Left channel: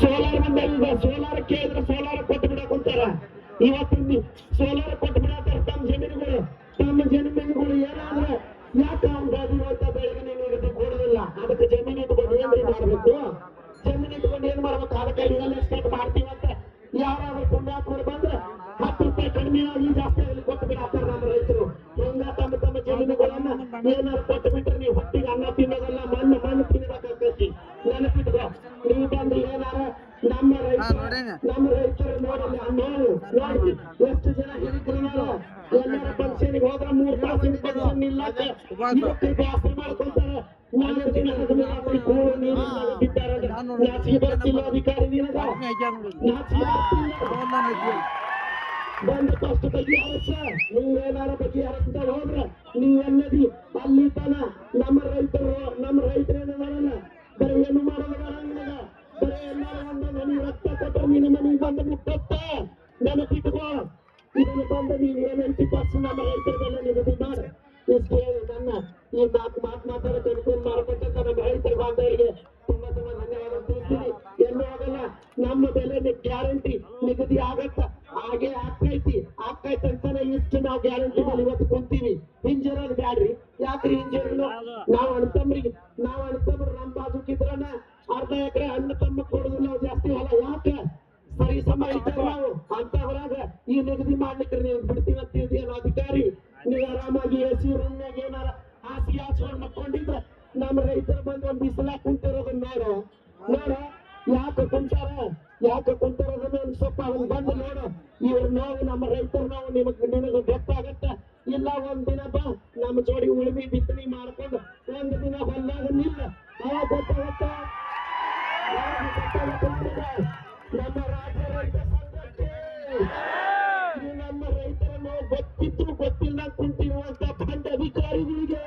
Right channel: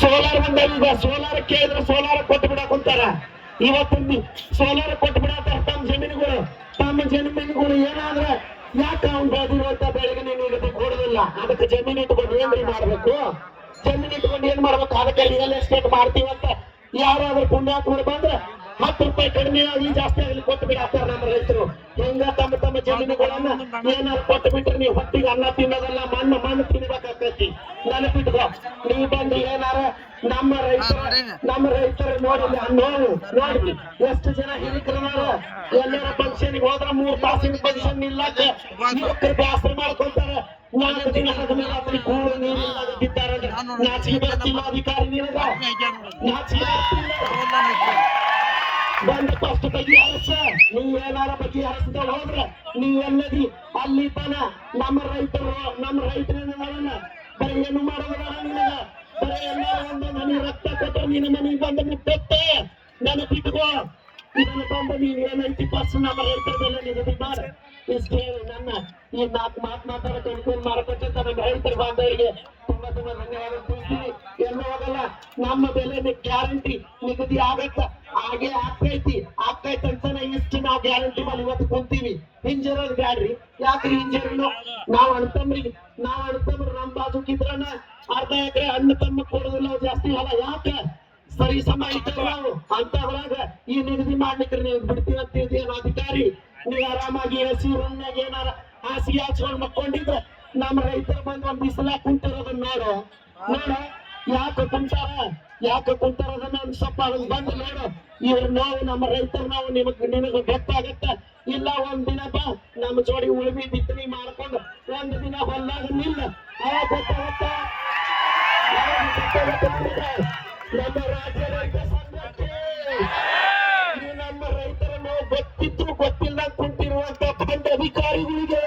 Solar ಬಂದ ಈಗ solar ಕೇಳಿದ್ರೆ ಸೋಲಾರ್ ಕೊಟ್ಟು ಬಿಡಕ್ ಕುಂತಾರ. ಇವತ್ತು ಸೋಲಾರ್ ಕೊಟ್ಟು ಬಿಡತ್ತಾರ ತಮ್ಮ ಜಮೀನುಗಳು. ತಮ್ಮ ಜಮೀನುಗಳು ಏನಾದ್ರ ಯಾಕೆ ಅವ್ನು ಬೆಳೆದಿರುವಂತ ಬೆಳೆಗೆ ನೀನು ನಿಗದಿ ಕೊಡುದಿಲ್ಲ ಅದಕ್ಕೆ ಜಮೀನು ಇಟ್ಕೊಂಡು ಏನ್ರಿ ಮಾಡ್ಬೇಕು? ಜಮೀನು ಇಟ್ಕೊಂಡು ಏನ್ ಮಾಡ್ಬೇಕು? ಅದಕ್ಕೆ ರಿಯಲ್ ಎಸ್ಟೇಟ್ ಮಾಡ್ತೀವಂತ ಯಾರಾದ್ರೂ ಪುಣ್ಯಾತ್ಮರು ಬಂದ್ರೆ ಹತ್ತು ರೂಪಾಯಿ ಕಡಿಮೆ ಆಗಿ ಜಾಸ್ತಿ ಆಗಲಿ ಕೊಟ್ಟು ಬಿಡಾತಾರ ನಮ್ಮ ರೈತರು. ಹಿಂಗ ತಮ್ಮ ತಮ್ಮ ಜಮೀನುಗಳನ್ನ ಏನಾರು ಕೊಟ್ಟು ಬಿಟ್ರೆ ನೀವು ಹೊಟ್ಟಿಗೆ ಅನ್ನ ತಿನ್ನೋದಲ್ಲ ಮಣ್ಣು ಮಣ್ಣು ತಿನ್ಬೇಕಾಗ್ತೈತಿ. ನೆನಪಿಟ್ಕೋ ನೀವು ಬಂದು ಏನಾರ ನಮ್ಮ ರೈತರು ನಮ್ಮ ರೈತರ ನೋಡಿಲ್ಲ ನೋವು ನೋಡಿ ಎಷ್ಟು ಜನ ಹಿರಿಕರನಾರ ಎಲ್ಲಾರ ಪಂಕ್ಷನ್ ಹೋದ್ರ ಮೂರ್ ತಾಸಿನ ಫಂಕ್ಷನ್ ನಿಲ್ಲಕ ಯುವಕರು ಬ್ಯಾಸರ ಮಾಡ್ಕೊಂತಾರ. ನಾಲ್ಕು ದಿನ ಹಗಲು ರಾತ್ರಿ ಕೂಳು ನಾಚಿಗೆ ಬರ್ತಿಲ್ಲ ಅಧಿಕಾರಿ ನಿನಗ? ನಾಚಿಗೆ ಬರ್ತಿಲ್ಲ. ಬಂದು ಫಸ್ಟ್ ಅರಸ. ನೀ ಏನಾರ ಬಗೆಹರಿಸದ ಹೋದ್ರ ನೀ ಎಲ್ಲದಿ ಅಲ್ಲಿ ತನ ನಮ್ಮ ರೈತರು, ನಮ್ಮ ರೈತರೇನಲ್ಲ ಬರೀ ಏನು ಮಾಡೋದಿಲ್ಲ ನಿನಗ? ಬರೀ ಎಲ್ಲ ಒಂದು ನನಗೆ ರಕ್ತ ಕೊಟ್ಟರೆ ನಿನ್ನ ಮನೆಗೆ ಬಂದು ಮುಟ್ಟತ್ತೆ. ನೆನಪಿಟ್ಕೋ. ಇದನ್ನು ಬಂದು ನೀನ್ ಏನೈತಿ ಫಸ್ಟ್ ನಮ್ಮ ರೈತರ ಮೇಲೆ ನಿಗದಿ ಮಾಡಿ. ಇಷ್ಟು ಹೇಳಿ ನನ್ನ. ಈ ನಾಲ್ಕು ಮಾತು ಮಾತಾಡಕ್ಕೆ ಅನುಕೂಲ ಮಾಡಬೇಕಂತ ನಮ್ಮ ರೈತರ ಬಾಂಧವರಿಗೆ ತುಂಬಾ ತುಂಬಾ ಧನ್ಯವಾದ ತಿಳಿಸ್ತೀನಿ. ಎಲ್ಲೂ ಹೋಗಲ್ಲ. ನಮ್ಮ ಬೆಲೆ ಗ್ಯಾರಂಟಿ ನಿಗದಿ ಆಗತ್ತ. ಹಾಗೆ ಆಗ್ತೈತಿ ಆಗ್ತೈತಿ ಅಂತಾನೆ ಇಷ್ಟು ನಾವು ಗ್ಯಾರಂಟಿ ಮೇಲೆ ಇವತ್ತು ಕುಂತೀವಿ. ಹಿಂಜರೋದ್ ಬ್ಯಾಡ್ರಿ. ಯಾಕ್ರಿ ಹಿಂಜರನು ನಾವ್ ಅಣ್ತಮ್ರಿಗೆ, ನಾವ್ ಅಣ್ತಮ್ರು ನಮ್ ಬಾಜುಕಿದ್ರನ ಅರ್ಧ ಎಕರೆ ಅಣ್ಣ ತಮ್ಮ ಕೊಡುದಿಲ್ಲ ಜಾಸ್ತಿ ಹೊಲ. ಯಾಕ? ಸರಿ ಸಮ ನಾವು ಹೊರಗ ಈ ನಿಗದಿ ಮಾಡ್ಲಿಕ್ಕೆ ನೀವು ಬಿಡ್ತೀವಿ ಅಂತ ಅಧಿಕಾರಿ. ನೀವು ಆರಾಮಾಗಿ ರೂಮ್ನಾಗ ಏನಾರ ಹಾಸಿಗೆ ಹಾಚ್ಕೊಂಡ್ ಮಕ್ಕೊಂಡಿದ್ರೆ ನಮ್ಮ ರೈತರು ಬಂದು ಒಂದ್ ಬಿಸಿಲ ಕುಂತಿರೋದನ್ನ ನೋಡು. ನೋಡ, ಯಾಕೆ ಕುಂತಾರ? ಯಾಕೆ ಕುಂತಾರದ ಒಂದ್ ಸ್ವಲ್ಪ ಅದನ್ನ ಬಂದು ನೋಡು. ಇವ್ರ ನಾವು ನಮ್ಮ ರೈತರ ನಾವು, ನಿಮಗ್ ನಿನಗ ಗೊತ್ತಾಗತ್ತ. ಇಲ್ಲ, ಒಂದ್ ದಿನ ಬಾ ನಮ್ಮ ಜೋಡಿ ಉಳುಮಿ ಬಿತ್ತನೆ ಮಾಡ್ಕೊಂಡು ಒಂದ್ ದಿನ ಹೊಲ್ದಾಗ ನಿಲ್ಲ. ಅವಾಗ ಗೊತ್ತಾಗತ್ತ. ನಮ್ಮ ರೈತರ ನಾವು ಗೊತ್ತಿದ್ರು ಗೊತ್ತಿಲ್ಲ ಕುಂತಿರುವಂತ ಬಂದ ಅಧಿಕಾರಿಗಳಿಗೆ